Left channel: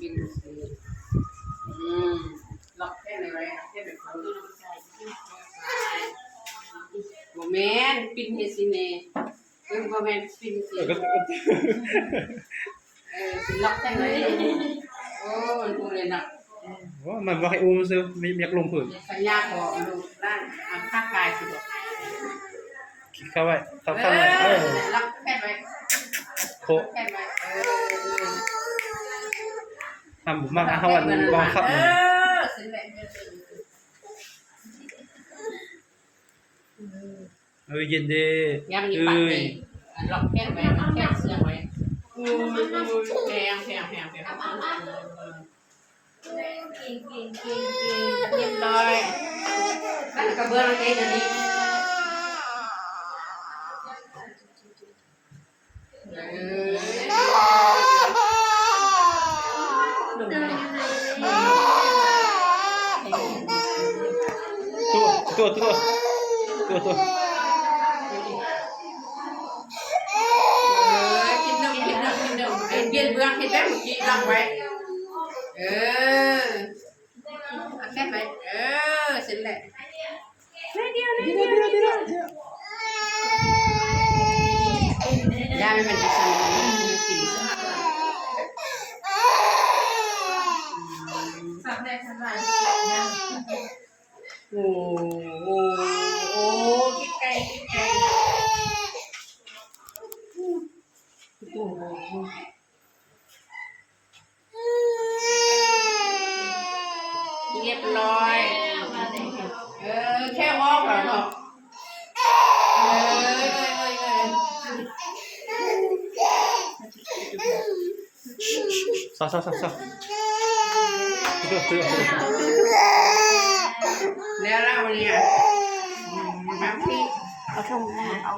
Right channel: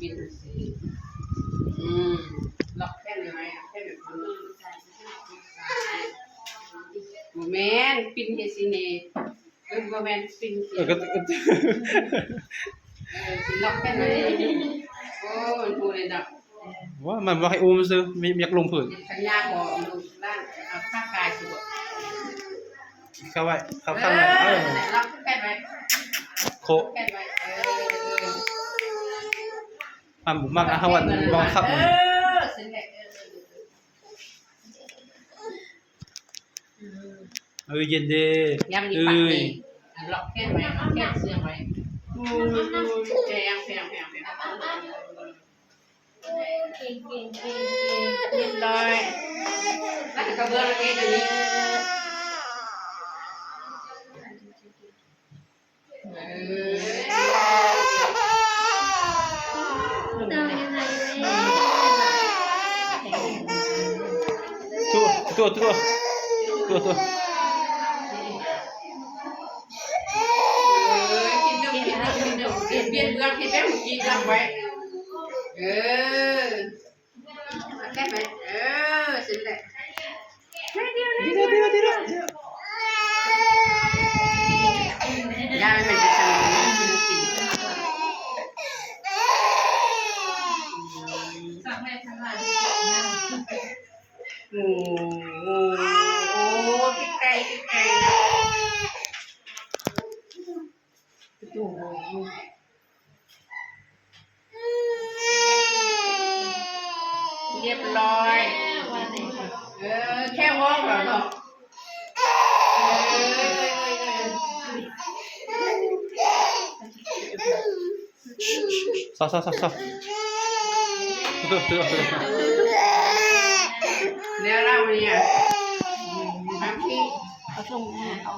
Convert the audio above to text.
กินล็อกแค่เลยไว้แค่แบบนี้โมเมนต์ปินเฮซิเน่โมเมนต์ปินเฮสิล็อกแค่เลยโอ้มันพูดเลยนะว่ามันว่าให้อุ้มซื้อมีอยากลงผืนขยากบอกลูกร่างข้ากายคือบอกเข้าไว้เข้าข้างในล็อกแค่ไว้โคแค่ไว้มันบุกมากนะเขาวันบองขับสิแหละเย็นดียังมีปัดเองล็อกแค่ไว้แค่เสื้อไว้แพงเรียบร้อยแล้วกระเบื้องเองอยู่นี่ตัวกินนมเบียนเบื้องที่ได้เมื่อกี้ลองไว้แค่ไปเสร็จแล้วเดี๋ยวยาไม่เป็นจะกินสักแรกทั้งหลายโอ้ที่ไกลโอ้เรียบร้อยแค่วอกเหรอเนาะซ้อแล้วเราเนี่ยบางทีเอาส่งเอา